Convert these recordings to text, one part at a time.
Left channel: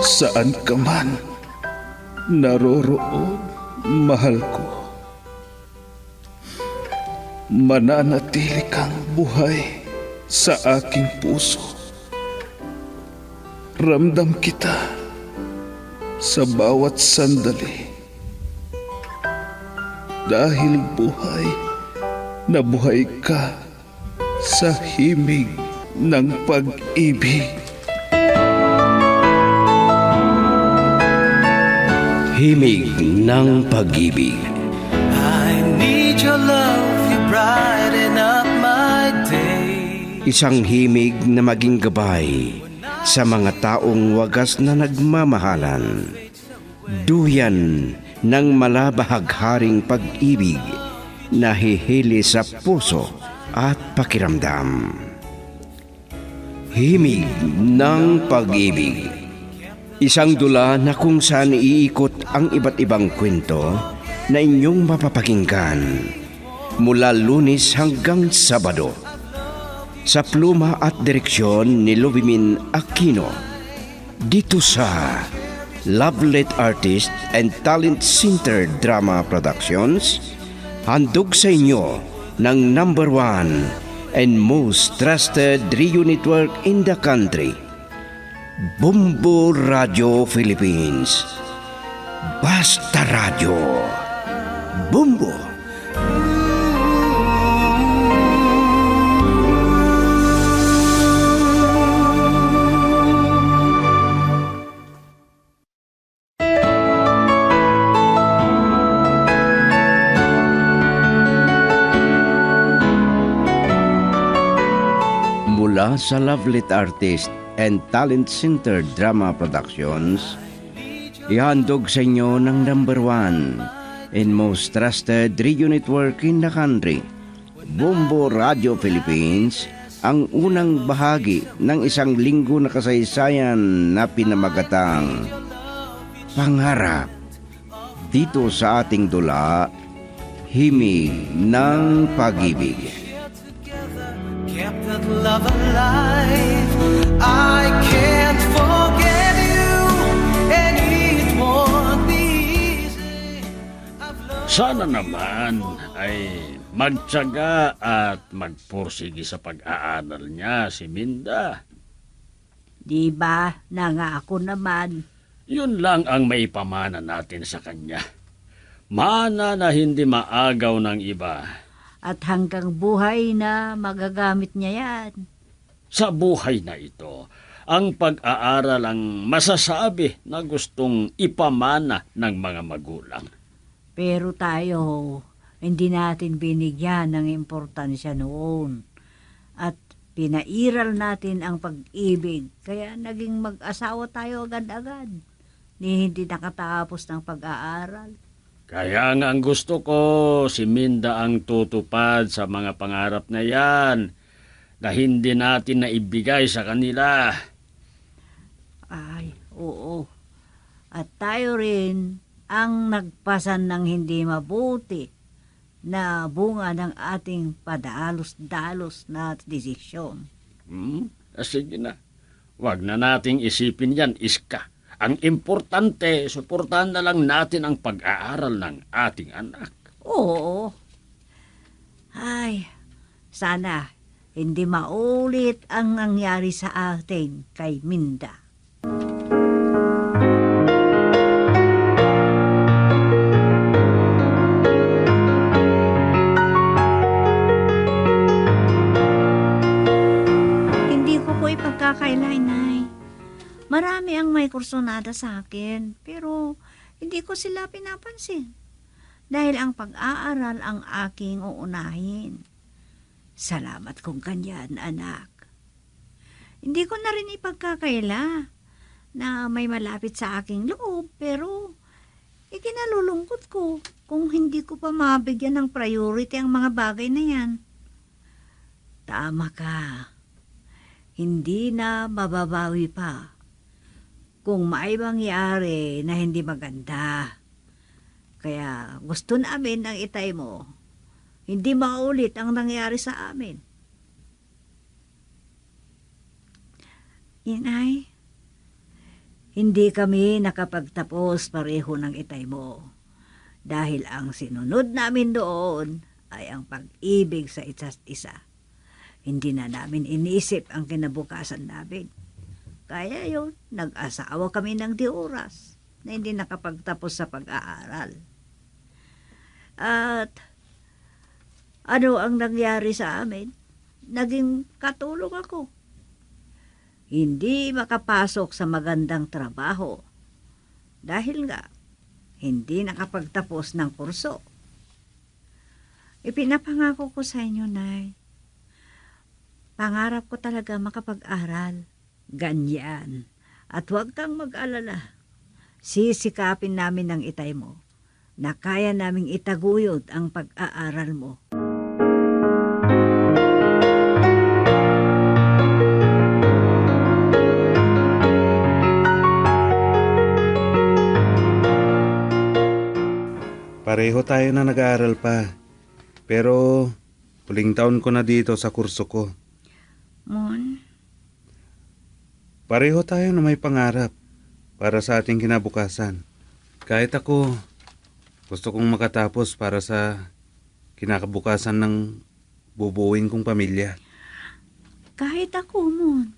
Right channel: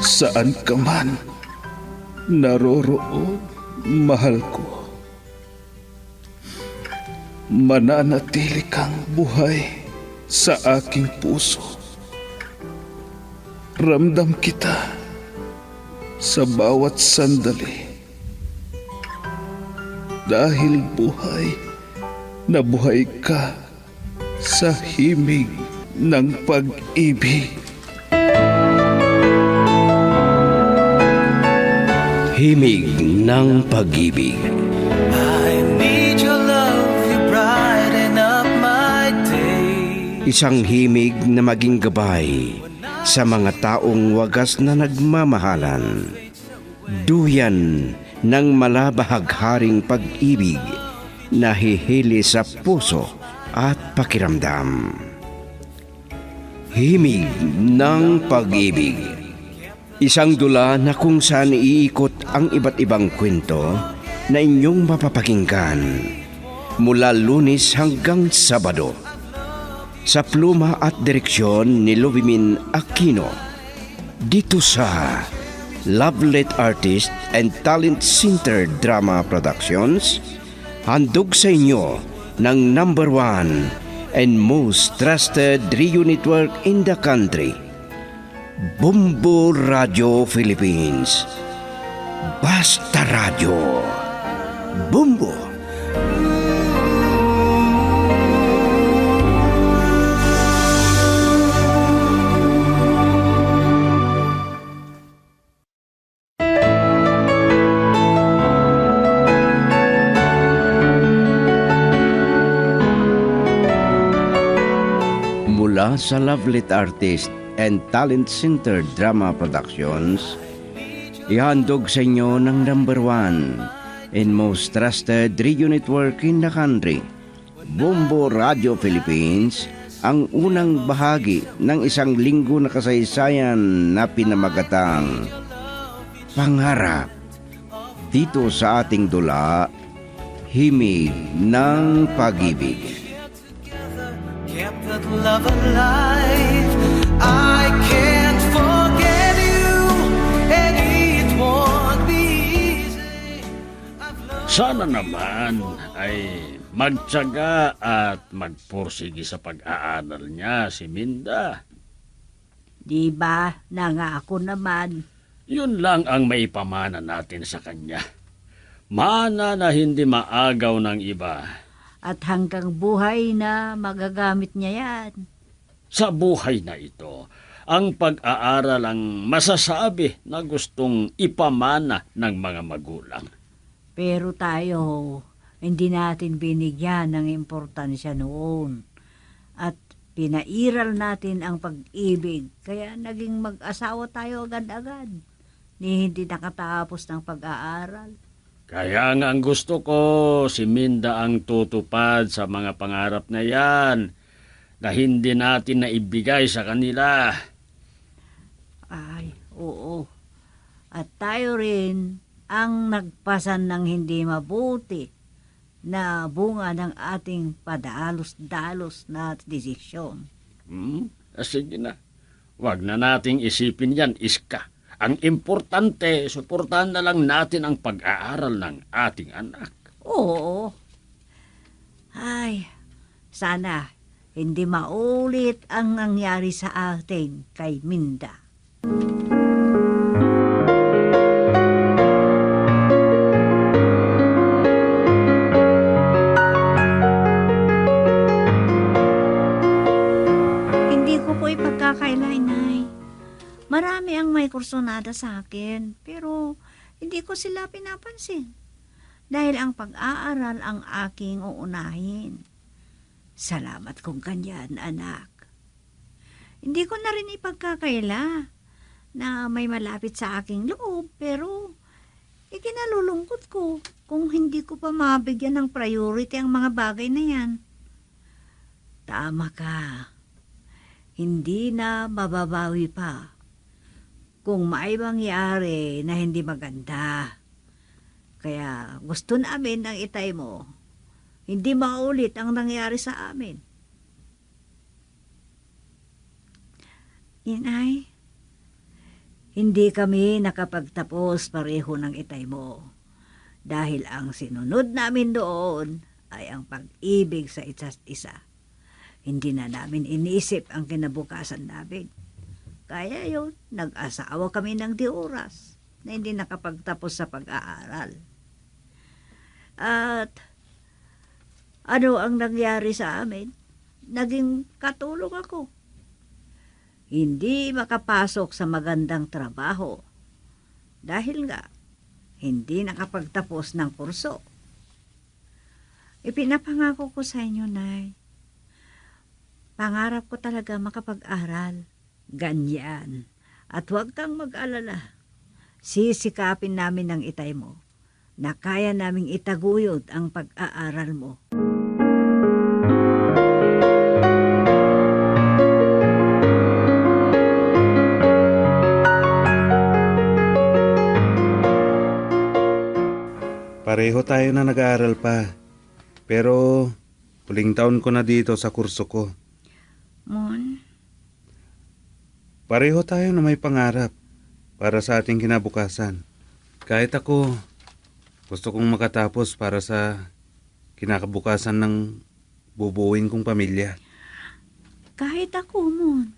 Saan ka man naroroon, mahal ko. Mananatili kang buhay sa aking puso. Ramdam kita sa bawat sandali. Dahil buhay na buhay ka sa himig ng pag-ibig. Himig ng pag-ibig. I need your love, you brighten up my day. Isang himig na maging gabay sa mga taong wagas na nagmamahalan. Duyan ng malabahagharing pag-ibig na hihili sa puso at pakiramdam. Himig ng pag-ibig. Isang dula na kung saan iikot ang iba't ibang kwento na inyong mapapakinggan mula Lunes hanggang Sabado. Sa pluma at direksyon ni Luvimin Aquino. Dito sa Lovelet Artist and Talent Center Drama Productions, handog sa inyo ng #1 and most trusted radio network in the country, Bumbo Radio Philippines. Basta Radio. Bumbo. Mula sa Lovelet Artist and Talent Center Drama Productions, ihandog sa inyo ng #1 and most trusted radio network in the country, Bumbo Radio Philippines, ang unang bahagi ng isang linggo na kasaysayan na pinamagatang Pangarap. Dito sa ating dula, Himig ng Pag-ibig. Kept that love alive. I can't forget you, and it won't be easy. Sana naman ay magtiyaga at magpursige sa pag-aaral niya si Minda. Di ba, nangako naman. Yun lang ang maipamana natin sa kanya. Mana na hindi maagaw ng iba. At hanggang buhay na magagamit niya yan. Sa buhay na ito, ang pag-aaral ang masasabi na gustong ipamana ng mga magulang. Pero tayo, hindi natin binigyan ng importansya noon. At pinairal natin ang pag-ibig, kaya naging mag-asawa tayo agad-agad. Hindi nakatapos ng pag-aaral. Kaya nga ang gusto ko, si Minda ang tutupad sa mga pangarap na yan na hindi natin naibigay sa kanila. Ay, oo. At tayo rin ang nagpasan ng hindi mabuti na bunga ng ating padalos-dalos na desisyon. Sige na. Huwag na nating isipin yan, Iska. Ang importante, suportahan na lang natin ang pag-aaral ng ating anak. Oo. Ay, sana hindi maulit ang nangyari sa atin kay Minda. Hindi ko po ipagkakailan, Nay. Marami ang may kursunada sa akin, pero hindi ko sila pinapansin. Dahil ang pag-aaral ang aking uunahin. Salamat kung ganyan, anak. Hindi ko na rin ipagkakaila na may malapit sa aking loob, pero ikinalulungkot ko kung hindi ko pa mabigyan ng priority ang mga bagay na yan. Tama ka. Hindi na mababawi pa kung may mangyari na hindi maganda. Kaya gusto namin ang itay mo. Hindi maulit ang nangyari sa amin. Inay, Hindi kami nakapagtapos pareho ng itay mo. Dahil ang sinunod namin doon ay ang pag-ibig sa isa't isa. Hindi na namin iniisip ang kinabukasan namin. Kaya yun, nag-asawa kami ng di oras na hindi nakapagtapos sa pag-aaral. At ano ang nangyari sa amin? Naging katulong ako. Hindi makapasok sa magandang trabaho dahil nga hindi nakapagtapos ng kurso. Ipinapangako ko sa inyo, Nay. Pangarap ko talaga makapag-aral. Ganyan. At huwag kang mag-alala. Sisikapin namin ng itay mo na kaya naming itaguyod ang pag-aaral mo. Pareho tayo na nag-aaral pa. Pero huling taon ko na dito sa kurso ko. Mon, Pareho tayo na may pangarap para sa ating kinabukasan. Kahit ako, gusto kong makatapos para sa kinakabukasan ng bubuuin kong pamilya. kahit ako, Mon.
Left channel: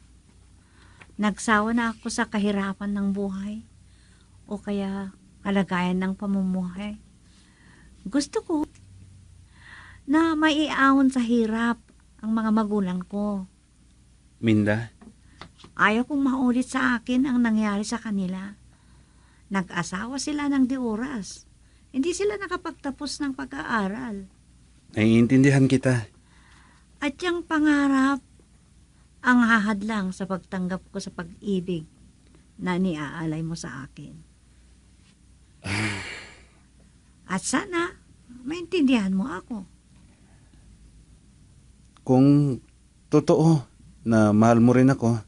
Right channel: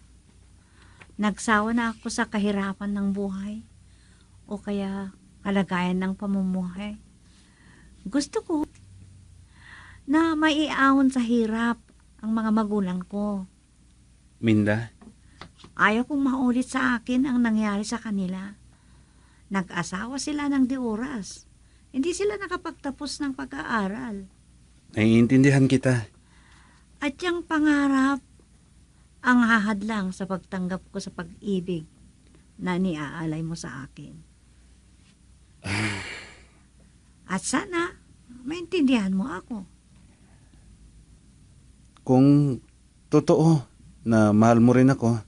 Nagsawa na ako sa kahirapan ng buhay o kaya kalagayan ng pamumuhay. Gusto ko na maiahon sa hirap ang mga magulang ko. Minda, Ayaw kong maulit sa akin ang nangyari sa kanila. Nag-asawa sila ng di oras. Hindi sila nakapagtapos ng pag-aaral. naiintindihan kita. At yung pangarap ang hahadlang sa pagtanggap ko sa pag-ibig na niaalay mo sa akin. At sana maintindihan mo ako. Kung totoo na mahal mo rin ako,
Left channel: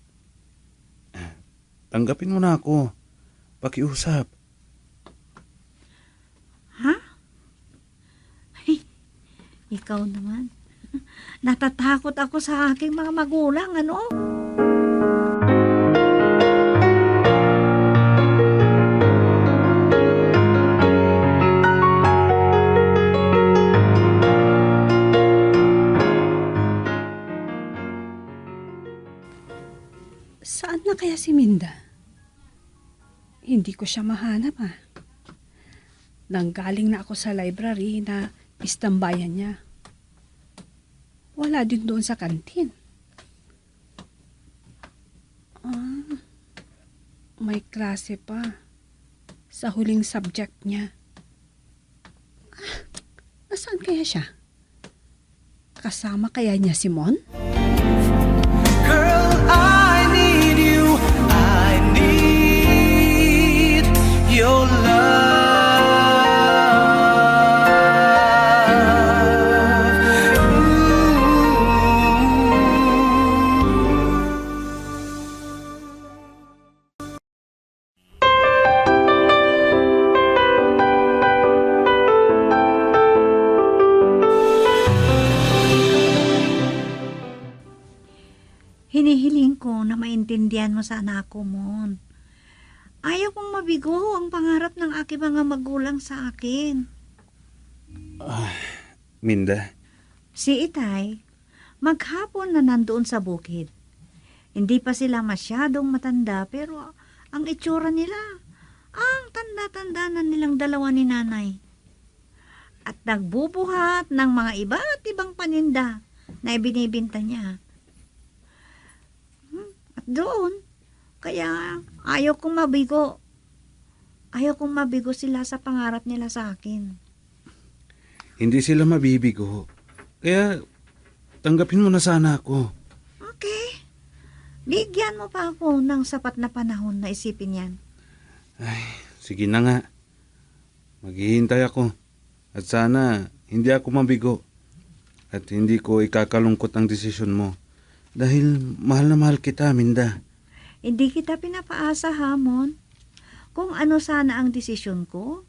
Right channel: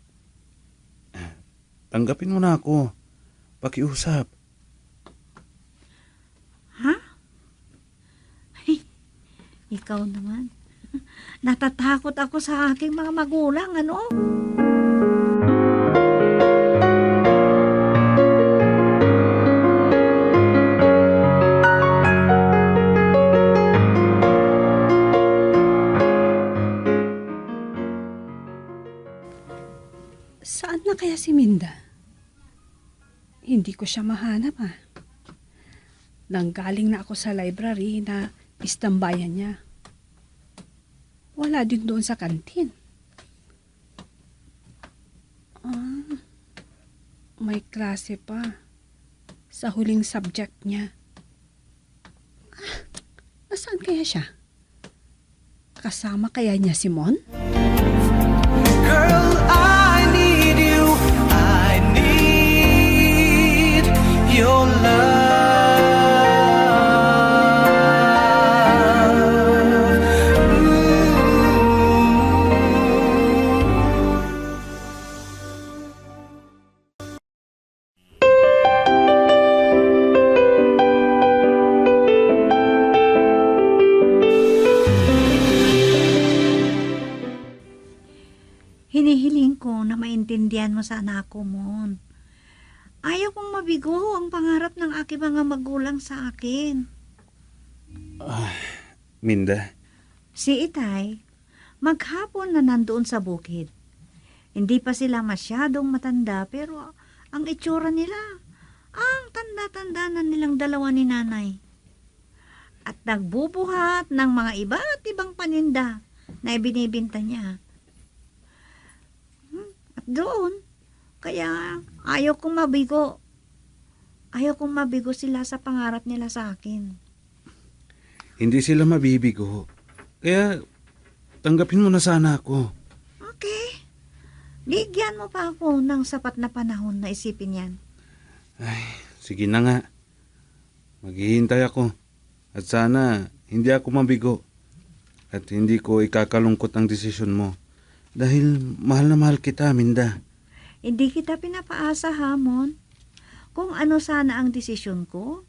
tanggapin mo na ako. Pakiusap. Ha? Ay, ikaw naman. Natatakot ako sa aking mga magulang, ano? Saan na kaya si Minda? Hindi ko siya mahanap Nanggaling na ako sa library na istambayan niya. Wala din doon sa kantin. May klase pa. Sa huling subject niya. Nasaan kaya siya? Kasama kaya niya si Mon? Girl, I need you. I need your love. Hinihiling ko na maintindihan mo sana ako, Mon. Ayaw kong mabigo ang pangarap ng aking mga magulang sa akin. Minda, Si Itay, maghapon na nandoon sa bukid. Hindi pa sila masyadong matanda pero ang itsura nila, ang tanda-tanda na nilang dalawa ni nanay. At nagbubuhat ng mga iba't ibang paninda na ibinibinta niya. At doon, kaya ayaw kong mabigo. Ayaw kong mabigo sila sa pangarap nila sa akin. hindi sila mabibigo. Kaya tanggapin mo na sana ako. Okay. Bigyan mo pa ako ng sapat na panahon na isipin yan. Sige na nga. Maghihintay ako. At sana hindi ako mabigo. At hindi ko ikakalungkot ang desisyon mo. Dahil mahal na mahal kita, Minda. Hindi kita pinapaasa, Hamon. Kung ano sana ang desisyon ko,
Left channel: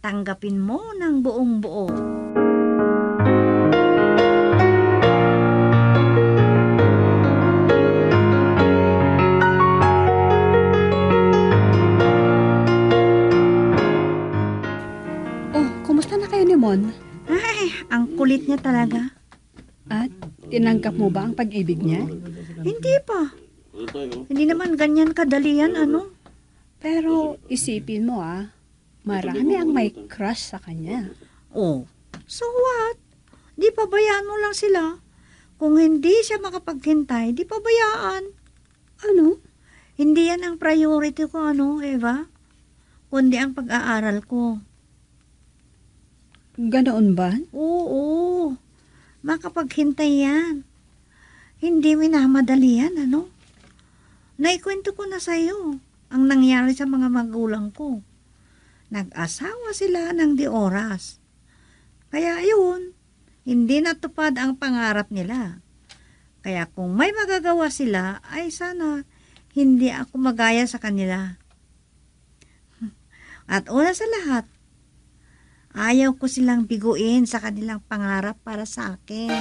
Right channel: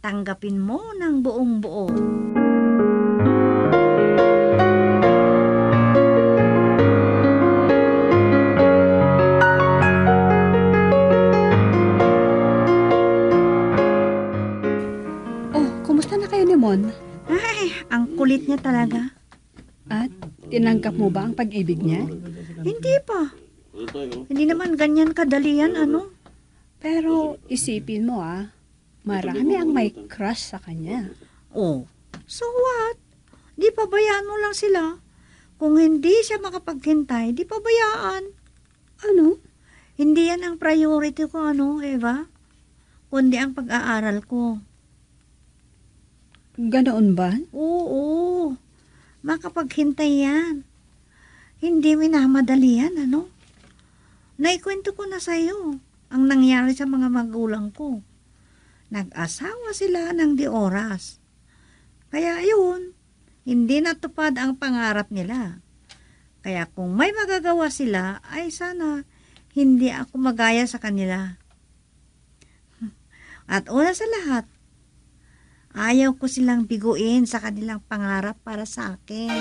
tanggapin mo ng buong buo. kulit niya talaga. At tinanggap mo ba ang pag-ibig niya? Hindi pa. Hindi naman ganyan kadali yan, ano? Pero isipin mo marami ang may crush sa kanya. Oh, so what? Di pabayaan mo lang sila. Kung hindi siya makapaghintay, di pabayaan. Ano? Hindi yan ang priority ko, Eva? Kundi ang pag-aaral ko. Ganoon ba? Oo, makapaghintay yan. Hindi minamadali yan, Naikwento ko na sa'yo ang nangyari sa mga magulang ko. Nag-asawa sila ng di oras. Kaya yun, hindi natupad ang pangarap nila. Kaya kung may magagawa sila, ay sana hindi ako magaya sa kanila. At una sa lahat, ayaw ko silang biguin sa kanilang pangarap para sa akin.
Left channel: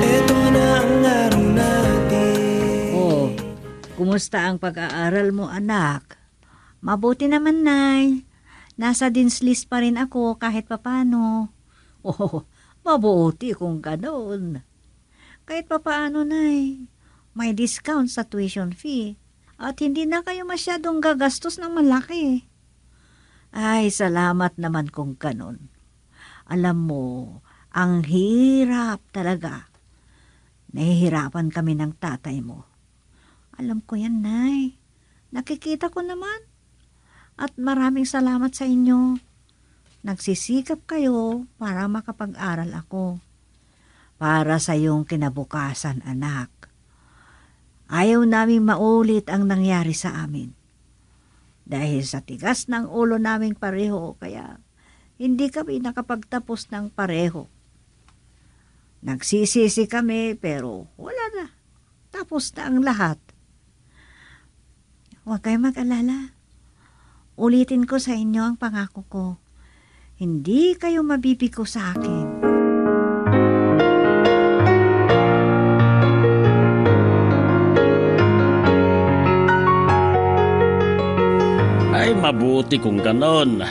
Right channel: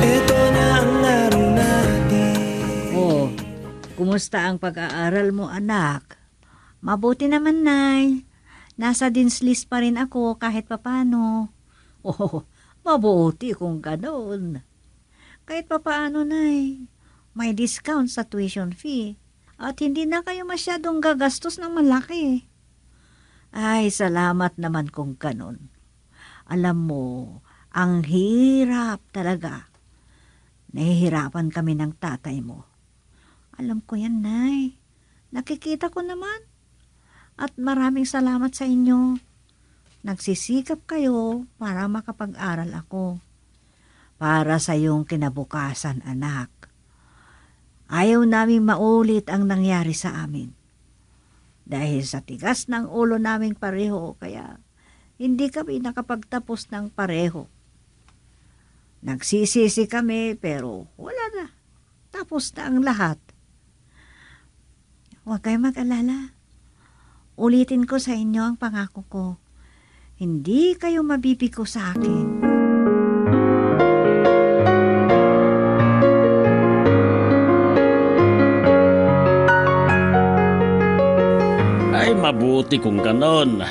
Ito na ang araw natin. Oh, kumusta ang pag-aaral mo, anak? Mabuti naman, Nay. Nasa dean's list pa rin ako kahit papano. Oh, mabuti kung ganoon. Kahit papaano, Nay, may discount sa tuition fee at hindi na kayo masyadong gagastos ng malaki. Ay, salamat naman kung ganon. Alam mo, ang hirap talaga. Nahihirapan kami ng tatay mo. Alam ko yan, Nay. Nakikita ko naman. At maraming salamat sa inyo. Nagsisikap kayo para makapag-aral ako. Para sa iyong kinabukasan, anak. Ayaw naming maulit ang nangyari sa amin. Dahil sa tigas ng ulo naming pareho, kaya hindi kami nakapagtapos ng pareho. Nagsisisi kami pero wala na. Tapos na ang lahat. Huwag kayong mag-alala. Ulitin ko sa inyo ang pangako ko. Hindi kayo mabibigo sa akin. Ay, mabuti kung ganon.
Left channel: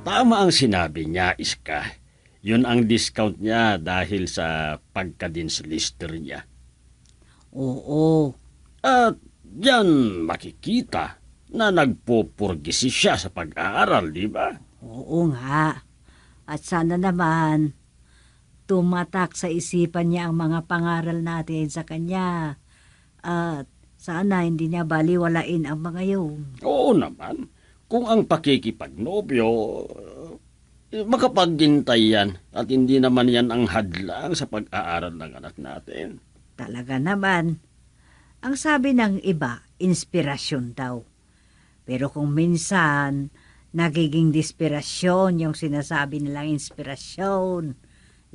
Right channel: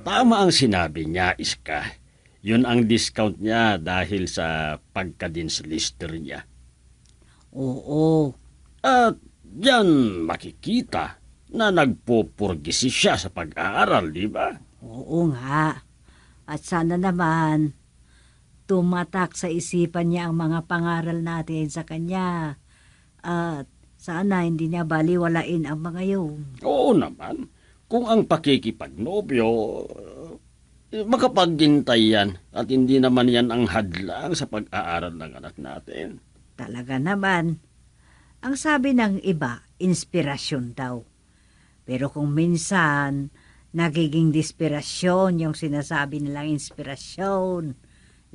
Tama ang sinabi niya, Iska. Yun ang discount niya dahil sa pagka-dean's lister niya. Oo. At diyan makikita na nagpupurgisi siya sa pag-aaral, di ba? Oo nga. At sana naman tumatak sa isipan niya ang mga pangaral natin sa kanya. At sana hindi niya baliwalain ang mga yun. Oo naman. Kung ang pakikipagnobyo, makapaghintay yan at hindi naman yan ang hadlang sa pag-aaral ng anak natin. Talaga naman. Ang sabi ng iba, inspirasyon daw. Pero kung minsan, nagiging desperasyon yung sinasabi nilang inspirasyon,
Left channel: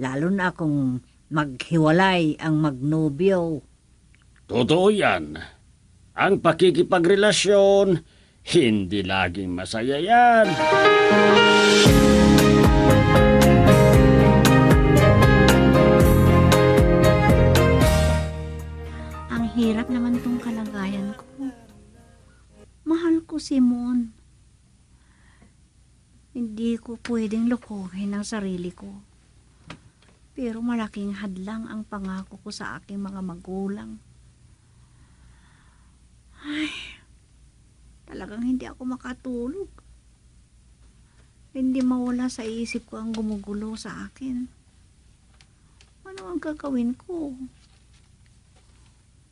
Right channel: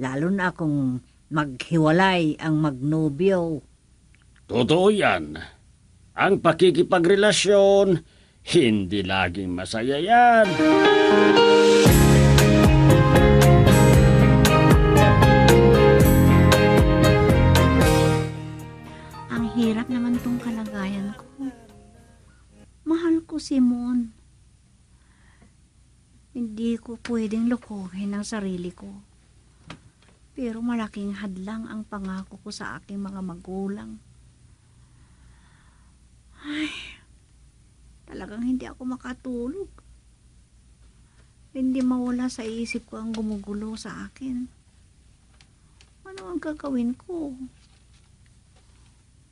lalo na kung maghiwalay ang magnobyo. Totoo yan. Ang pakikipagrelasyon, hindi laging masaya yan. Ang hirap naman tong kalagayan ko. Mahal ko si Mon. Hindi ko pwedeng lukuhin ang sarili ko. Pero malaking hadlang ang pangako ko sa aking mga magulang. Ay, talagang hindi ako makatulog. Hindi mawala sa isip ko ang gumugulo sa akin. Ano ang gagawin ko?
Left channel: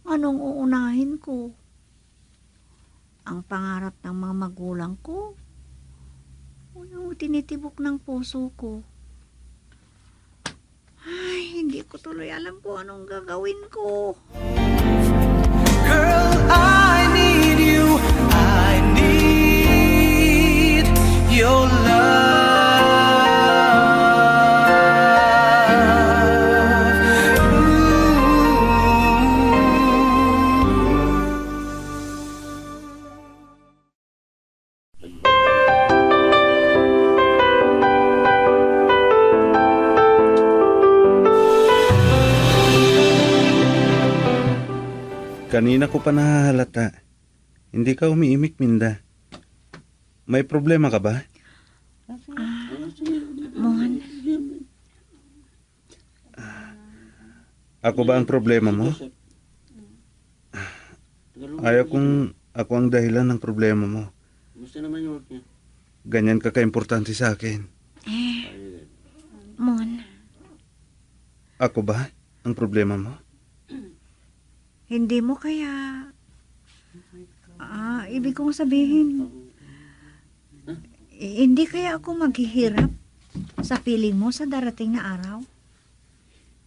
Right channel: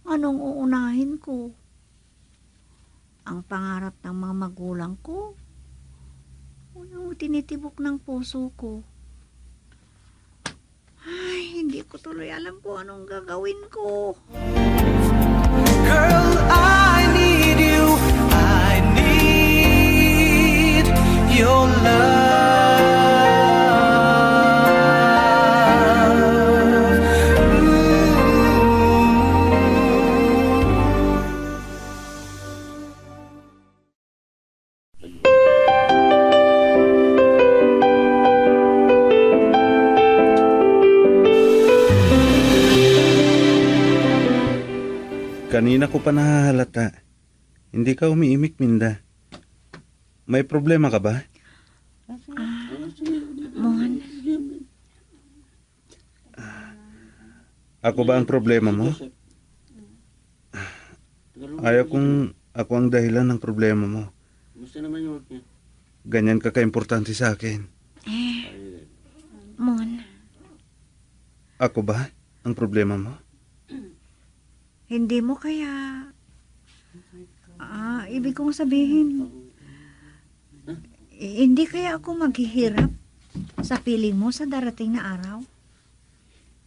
Anong uunahin ko? Ang pangarap ng mga magulang ko? O yung tinitibok ng puso ko? Ay, hindi ko tuloy alam kung anong gagawin ko. Girl, I need you. I need your love. Kanina ko pa nahahalata. Hindi ka umiimik, Minda. May problema ka ba? Mon, Ako ba ang problema mo? Ayaw kung ako ang dahilan ng problema mo. Ganyan ka kaimportante sa akin. Mon, Ako ba ang problema mo? hindi mo kaya... ibig kong sabihin, hindi kaya ako maghihirap sa piling mo sa darating na araw?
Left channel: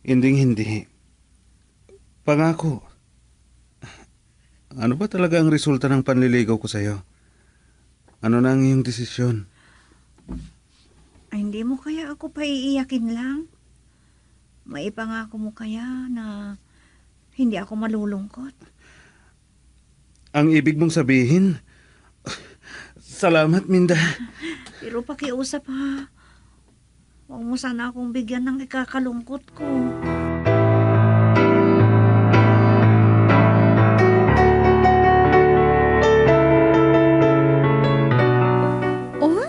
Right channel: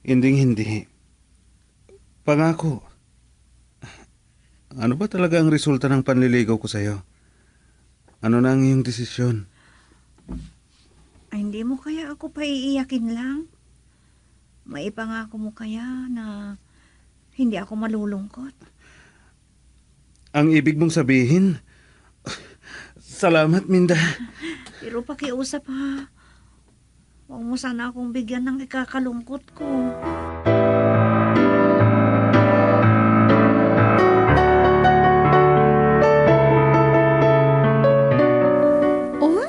Hindi. Pangako. Ano ba talaga ang resulta ng panliligaw ko sa'yo? Ano na ang iyong desisyon? Hindi mo kaya ako paiiyakin lang? Maipangako mo kaya na hindi ako malulungkot? Ang ibig mong sabihin? Salamat, Minda. Pero pakiusap ha. Huwag mo sana akong bigyan ng ikakalungkot ko. Oh,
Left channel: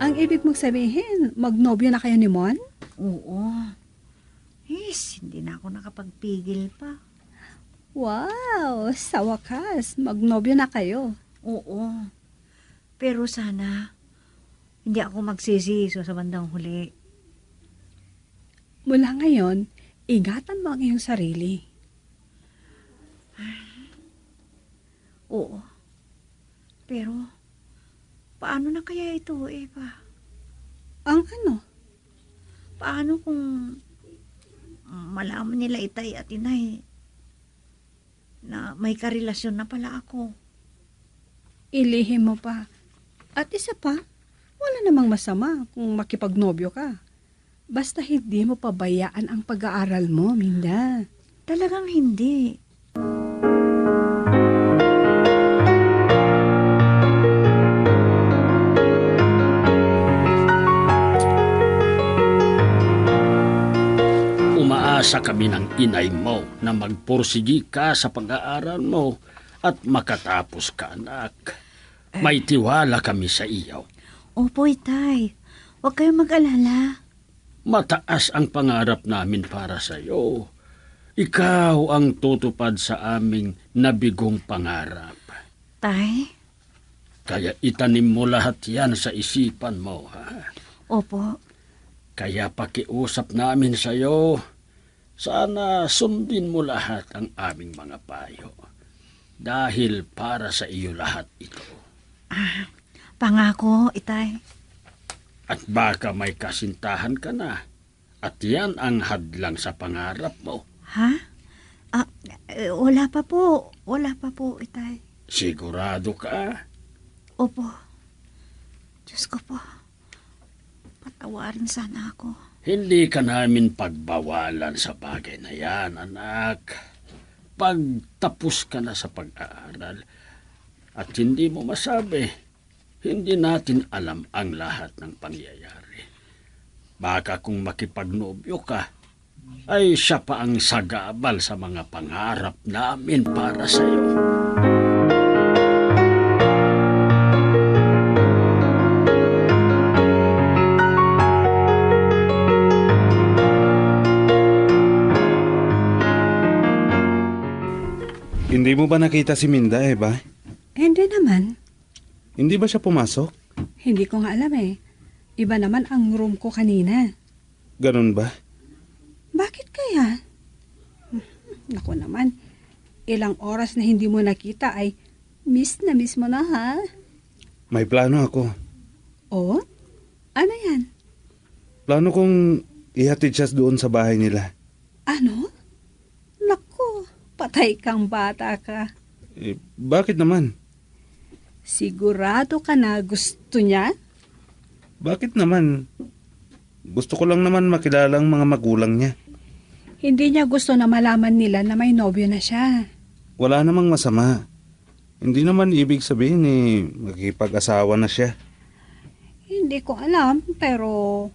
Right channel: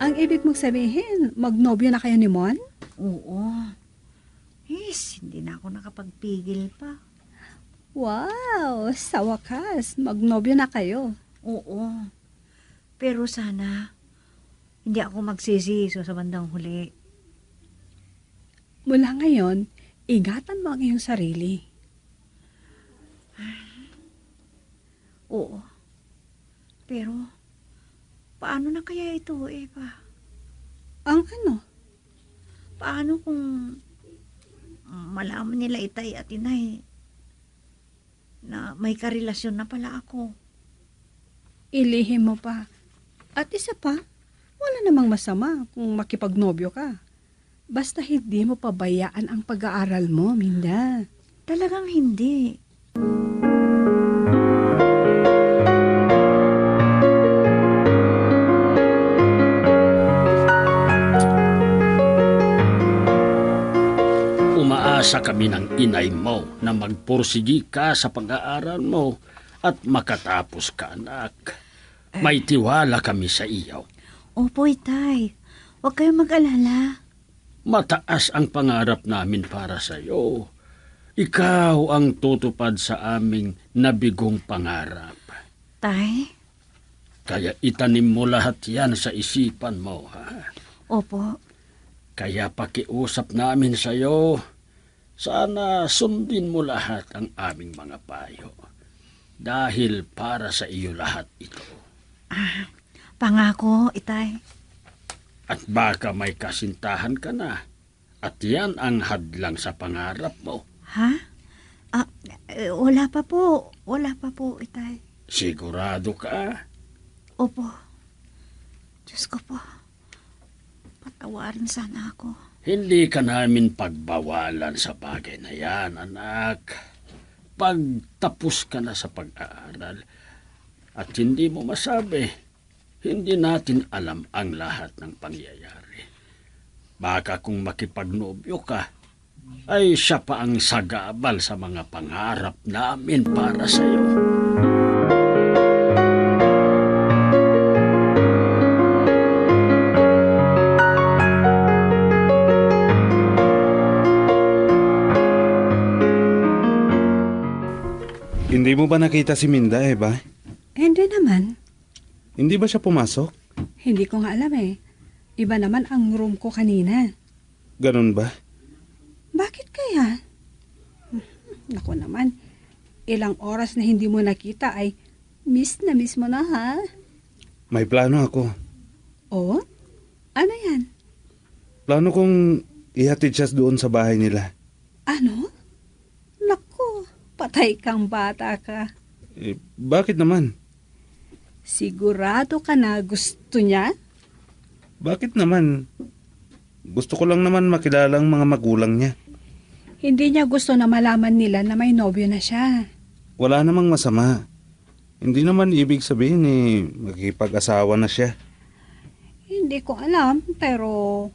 ang ibig mong sabihin, magnobyo na kayo ni Mon? Oo. Hindi na ako nakapagpigil pa. Wow, sa wakas, magnobyo na kayo. Oo. Pero sana, hindi ako magsisiso sa bandang huli. Mula ngayon, ingatan mo ang iyong sarili. Oo. Pero, paano na kaya ito, Eva? Ang ano? Paano kung malaman nila itay at inay na may karelasyon na pala ako? Ilihim mo pa. At isa pa, wala namang masama kung makipagnobyo ka. Basta hindi mo pabayaan ang pag-aaral mo, Minda. Talagang hindi. Umaasa kami ng inay mo na magpursigi ka sa pag-aaral mo at makatapos ka, anak. May tiwala kami sa iyo. Opo, itay. Huwag kayong mag-alala. Mataas ang pangarap namin para sa iyo. Ikaw ang tutupad sa aming nabigong pangarap. Tay? Kaya itanim mo lahat yan sa isipan mo, ha? Opo. Kaya pakiusap namin sa iyo, sana sundin mo lahat ang aming mga payo. Dahil para sa iyo lahat ito. Pangako, itay. At baka may kasintahan ka na. At yan ang hadlang sa pangarap mo. Ha? Wala pa po. Wala pa po, itay. Sigurado ka? Opo. Diyos ko po. Patawarin sana ako. Hindi ka namin pagbawalan sa bagay na yan, anak. Pagtapos ka na sa pag-aaral at hindi mo masabi, hindi natin alam ang lahat ng pangyayari. Baka kung makipagnobyo ka, ay siya pa ang sagabal sa mga pangarap namin para sa iyo. Hindi mo ba nakita si Minda, Eva? Hindi naman. Hindi ba siya pumasok? Hindi ko nga alam eh. Iba naman ang room ko kanina. Ganun ba? Bakit kaya? Naku naman, ilang oras na hindi mo nakita ay miss mo na ha? May plano ako. Oh? Ano yan? Plano kong ihatid siya doon sa bahay nila. Ano? Naku, patay kang bata ka. Bakit naman? Sigurado ka na gusto niya? Bakit naman? Gusto ko lang naman makilala ang mga magulang niya. Hindi niya gusto na malaman nila na may nobyo na siya. Wala namang masama. Hindi naman ibig sabihin makikipag-asawa na siya. Hindi ko alam, pero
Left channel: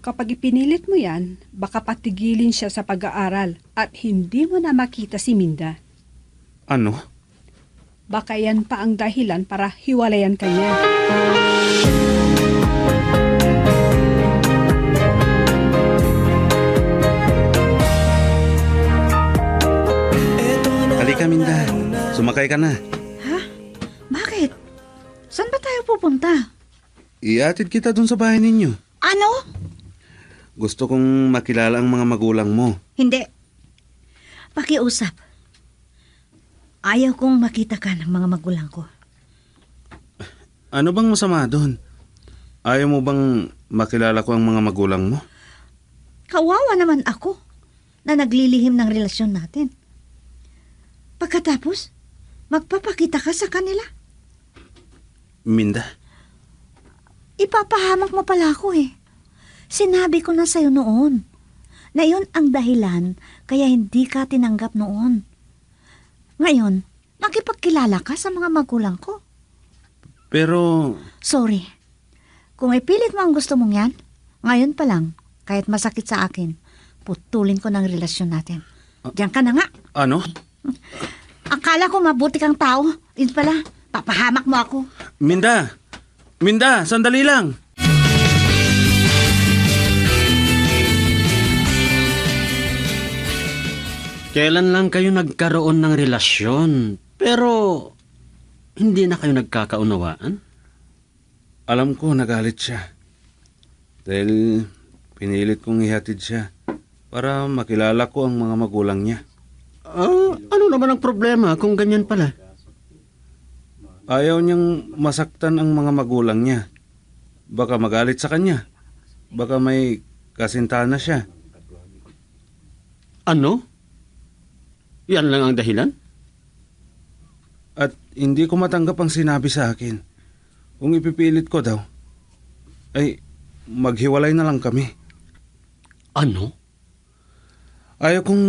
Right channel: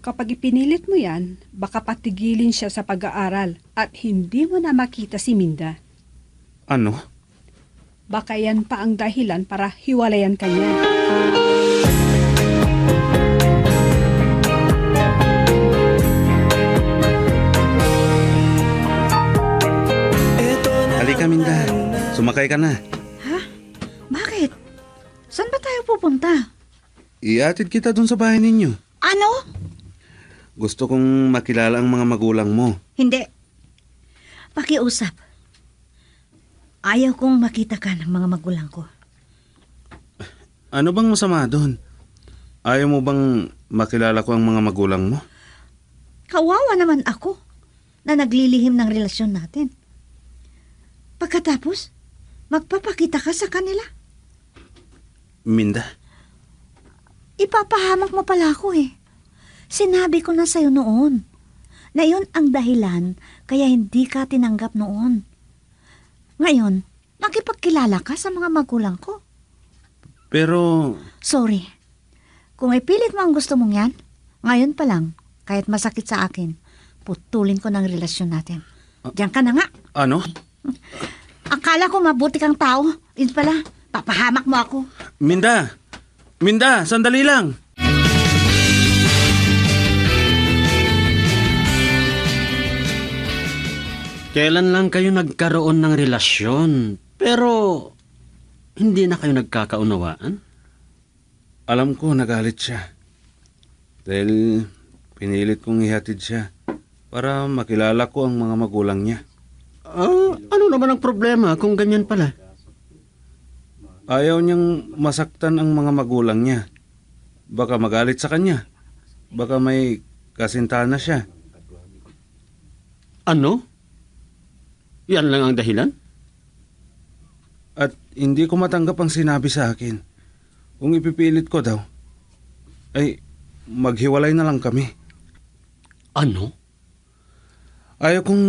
kapag ipinilit mo yan, baka patigilin siya sa pag-aaral at hindi mo na makita si Minda. Ano? Baka yan pa ang dahilan para hiwalayan ka niya. Halika, Minda. Sumakay ka na. Ha? Bakit? Saan ba tayo pupunta? Iatid kita dun sa bahay ninyo. Ano? Gusto kong makilala ang mga magulang mo. Hindi. Pakiusap. Ayaw kong makita ka ng mga magulang ko. Ano bang masama doon? Ayaw mo bang makilala ko ang mga magulang mo? Kawawa naman ako na naglilihim ng relasyon natin. Pagkatapos, magpapakita ka sa kanila. Minda, Ipapahamak mo pala ako eh. Sinabi ko na sa'yo noon na yun ang dahilan kaya hindi ka tinanggap noon. Ngayon, nakipagkilala ka sa mga magulang ko. pero Sorry. Kung ipilit mo ang gusto mong yan, ngayon pa lang, kahit masakit sa akin, putulin ko ng relasyon natin. Diyan ka na nga. ano? Akala ko mabuti kang tao. Yun pala, papahamak mo ako. Minda! Minda, sandali lang! Kailan lang kayo nagkaroon ng relasyon, pero hindi na kayo nagkakaunawaan? Alam ko nagalit siya. Dahil pinilit kong ihatid siya para makilala ko ang mga magulang niya. Ano naman ang problema kung ganyan pala? Ayaw niyang masaktan ang mga magulang niya. Baka magalit sa kanya. Baka may kasintahan na siya. Ano? Yan lang ang dahilan? At hindi ko matanggap ang sinabi sa akin. Kung ipipilit ko daw, ay maghiwalay na lang kami. Ano? Ayaw kong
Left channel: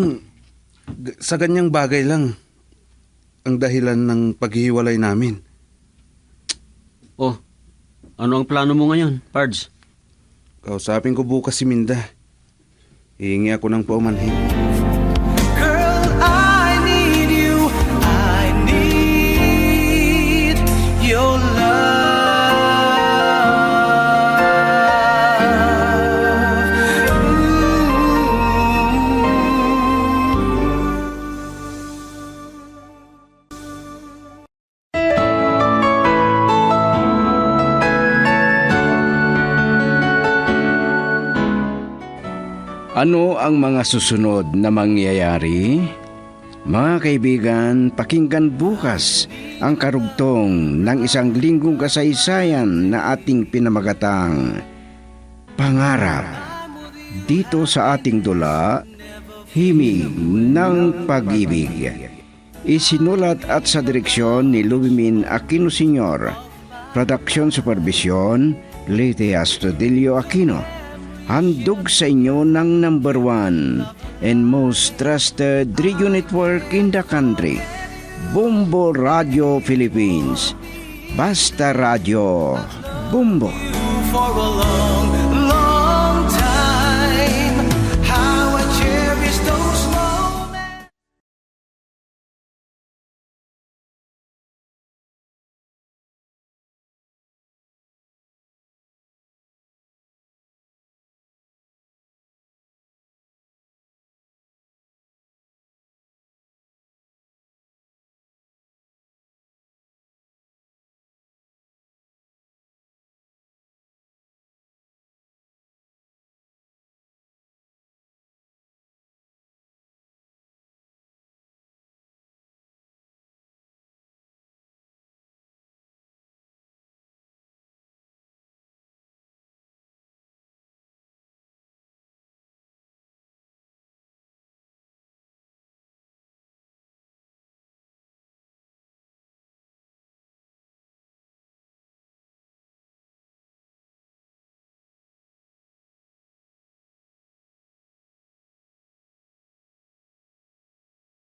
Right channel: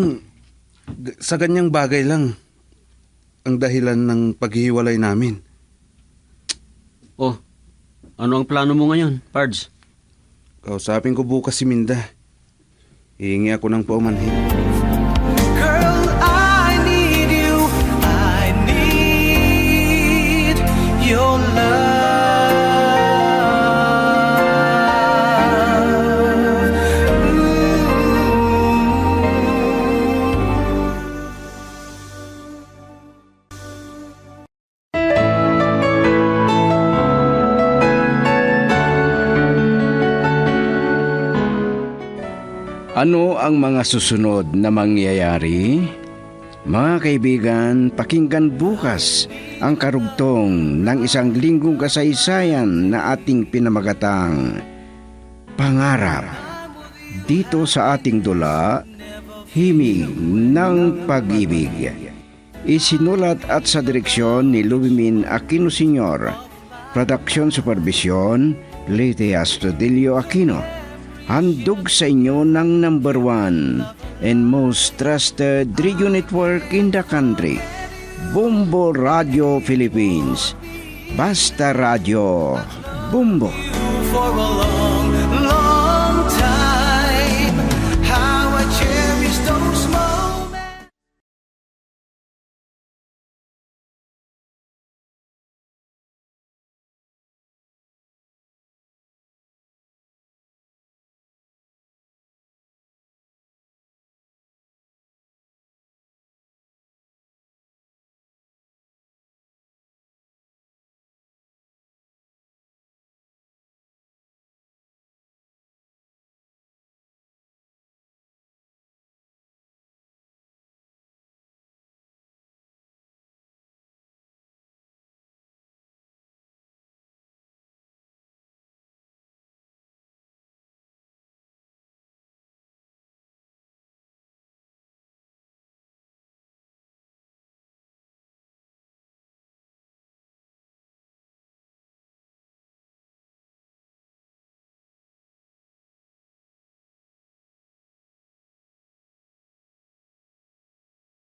sa ganyang bagay lang ang dahilan ng paghihiwalay namin. Oh, ano ang plano mo ngayon, Pards? Kausapin ko bukas si Minda. Hihingi ako ng paumanhin. Girl, I need you. I need your love. Ano ang mga susunod na mangyayari? Mga kaibigan, pakinggan bukas ang karugtong ng isang linggong kasaysayan na ating pinamagatang Pangarap. Dito sa ating dula, Himig ng Pag-ibig. Isinulat at sa direksyon ni Lubimin Aquino Sr. Production Supervision, Leyte Astudillo Aquino. Handog sa inyo ng number 1 and most trusted radio network in the country, Bumbo Radio Philippines. Basta Radio Bumbo. For a long